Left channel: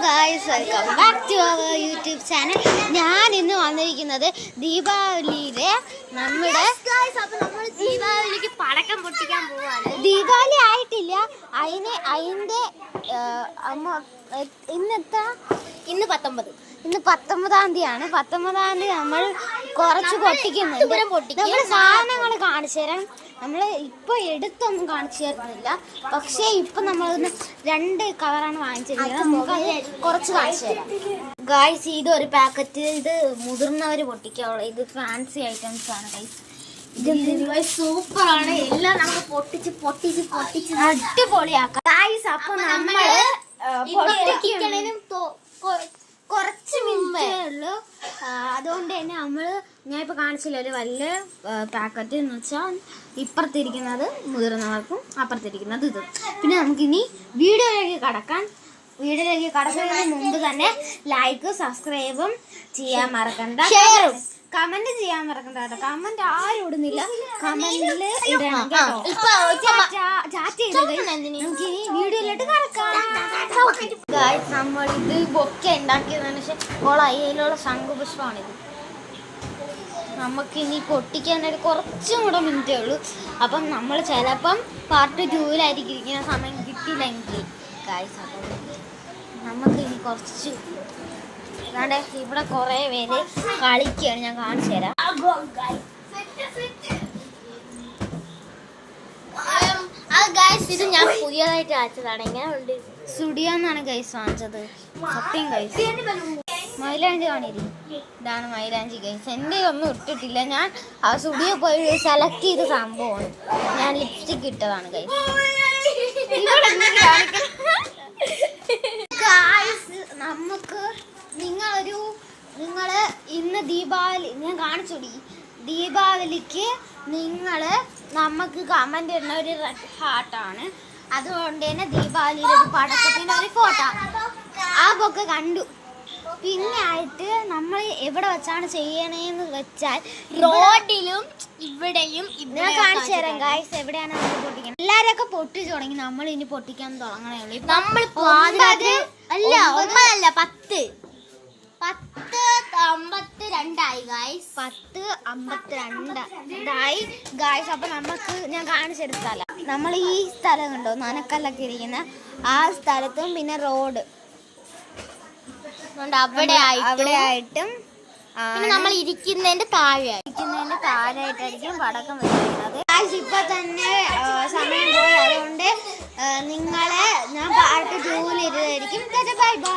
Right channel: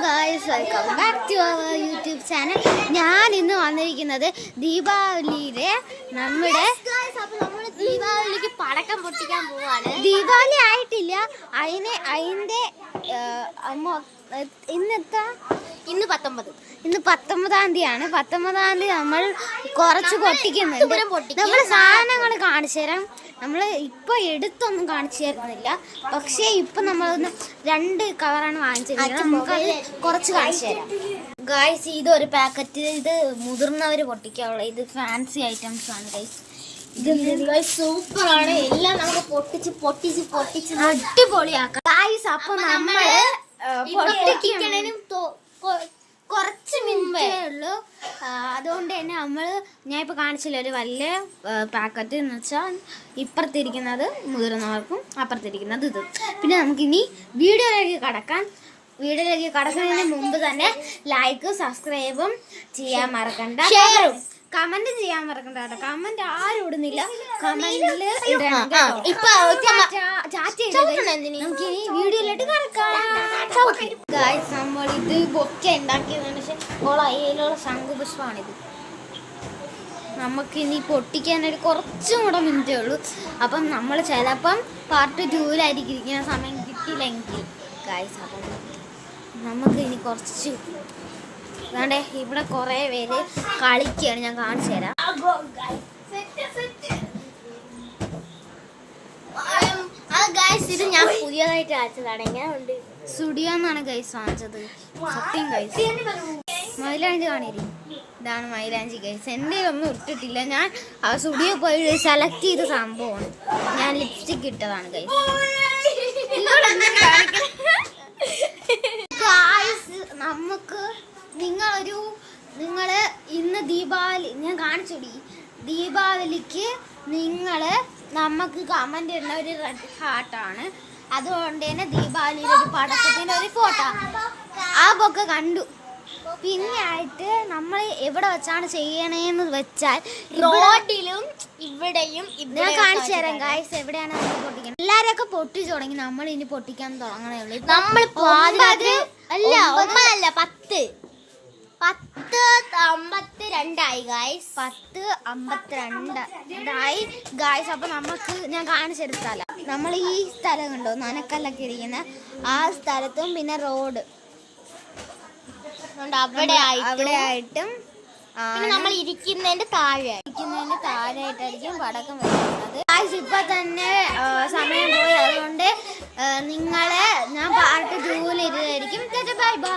guys, welcome back to our YouTube channel. ഞാൻ ഇന്ന് വന്നിരിക്കുന്നത് ദീപാവലിയിലെ നമ്മുടെ ദീപാവലിക്ക് പടക്കം പൊട്ടിക്കാൻ പോവാണ്. ദീപാവലി ആയിട്ടില്ല, അതിന്റെ ഇന്ന് 19. ഇന്ന് 19-ാം തീയതിയാണ്. 19-ാം തീയതി നമ്മൾ കുറച്ച് പൊട്ടിക്കുന്നുണ്ട്. നമ്മൾ സാധനങ്ങൾ കാണിച്ചു തരാം. നമ്മൾ ഇപ്പൊ എടുത്തൊന്നും കാണിച്ചു തരുന്നില്ല, പക്ഷേ ഇപ്പൊ നമ്മളൊന്ന് 2 കവറാണ് വാങ്ങിച്ചിരിക്കുന്നത്. നമുക്ക് കുറച്ച് കാണിച്ചു തരാം ഗൈസ്. ഇതൊരു പാക്കറ്റ്, ഇത് മുതിർന്നവർ പൊട്ടിക്കാനുള്ള, ഇത് ഫാൻസി ഐറ്റംസ് ആണ് ഗൈസ്. സൂപ്പർ ആണ്. എല്ലാം നമുക്ക് പൊട്ടിച്ച് അടിപൊളിയാക്കാം ഗൈസ്. അപ്പൊ നമ്മള് പൊട്ടിക്കണേനും കുറച്ച് മിനിറ്റേ ഉള്ളൂ. അതുകൊണ്ട് തന്നെ ഞാൻ ഇപ്പോൾ കാണിച്ചില്ല, ഒരു വലിയ പാക്കറ്റ് എന്ന് വെച്ചാൽ ഇപ്പുറത്തിരിക്കുന്നത് മുതിർന്നവർക്കും അപ്പുറത്തിരിക്കുന്നത് ഇത്. പിന്നെ നമുക്കിനി വീഡിയോയിലേക്ക് കടക്കാം. വീഡിയോയിലേക്ക് കടക്കുന്നതിന് മുമ്പ് തന്നെ ലൈക്കും സബ്സ്ക്രൈബും ചെയ്യാൻ മറക്കണ്ട, ഷെയറും കമന്റ് ചെയ്യാൻ മറക്കണ്ട കേട്ടോ. കമന്റ് ആരും ഇടുന്നില്ല, കമന്റിൽ ഇടണം കേട്ടോ. നമുക്കിനി വീഡിയോയിലോട്ട് കടക്കാം. നമ്മൾ ഇത് ബൊക്കെ ഉണ്ടാക്കിയതിനു ശേഷം അതിലുള്ള ശംഖുപുഷ്പമാണിത്. നമുക്കിനി പൊട്ടിക്കാനായിട്ട് കുറച്ചും കൂടെ മിനിറ്റേ ഉള്ളൂ. അപ്പം നമ്മൾ ചിലപ്പം പാർട്ട് 2-ലായിരിക്കും ഇരിക്കുന്ന സമയം കിട്ടിയില്ലെങ്കിൽ ഗായ്സ്. അപ്പം നമുക്കിനി കുറച്ച് വേണ്ടേ, ഇവിടെ കുറേ പേര് കളിക്കുകയാണ്, ഞാൻ കാണിച്ചു തരാം. ഇത് ഞാൻ പുതിയതായിട്ട് അയച്ചതാണ്. എങ്ങനെ ഉണ്ട്? സ്റ്റുഡിയോ എന്നാണ് ഗൈസ് വാങ്ങിച്ചത്. സത്യം ഗൈസ്. മൈലാഞ്ചി കാണിരി, ഇതാണ് മൈലാഞ്ചി ഗൈസ്. എൻ്റെ ഒന്നും ഇട്ടിട്ടില്ല, ഞാൻ ആ സ്റ്റുഡിയോ പോയി സെലക്ട് ചെയ്ത സംഭവമാണ്. ഞാൻ ലിപ്സ്റ്റിക് ഇട്ടതാണ് ഗൈസ്. നമുക്ക് നിങ്ങള് ഇന്ന് ദീപാവലി ഞാൻ കാണിച്ചോടി. ദീപാവലിക്ക് നമുക്ക് കമന്റ് ഇടുന്ന ഒരു റെഡ് ഹാർട്ടാണ്. അതുകൊണ്ട് തന്നെ ദീപാവലിയിലെ ഒരു പടക്കത്തിന്റെ ഒരു ഫോട്ടോ ആ ബൊക്കെ കണ്ടു. പിന്നെ ആയിട്ട് നമ്മൾ എവിടെ വെച്ചാണ് ചെയ്യണേന്ന് വെച്ചാൽ റോഡിലും ഇവിടെയും ഞാൻ കാണിച്ചു തരാം ഗായ്സ്. എവിടെയാണ് നമ്മൾ പൊട്ടിക്കണം. എല്ലാരൊക്കെ പൊട്ടിച്ചു തുടങ്ങി, നമ്മൾ ഇനി പൊട്ടിക്കാൻ തുടങ്ങണേ ഉള്ളൂ. നമ്മൾ 10:52 ഗായ്സ്. 10:52 ഗായ്സ്. അപ്പൊ നമുക്ക് ഞാൻ കാണിച്ചൊരു സ്ഥലം, നമ്മൾ ഈ സ്ഥലം കണ്ടോ, നനക്കല്ലൊക്കെ ഇരിക്കുന്ന ആ സ്ഥലത്തും പിന്നെ റോഡ് അവിടെ ആയിട്ടും നമ്മൾ ഇരിക്കുന്നതിന്റെ താഴെയായിട്ടായിരിക്കും പടക്കം വെക്കുന്നത്. ഇപ്പൊ തന്നെ സമയം പോയി, അതുകൊണ്ട് ഞാൻ പാർട്ട് 2-ൽ ഇരുതായിരിക്കും. Bye by.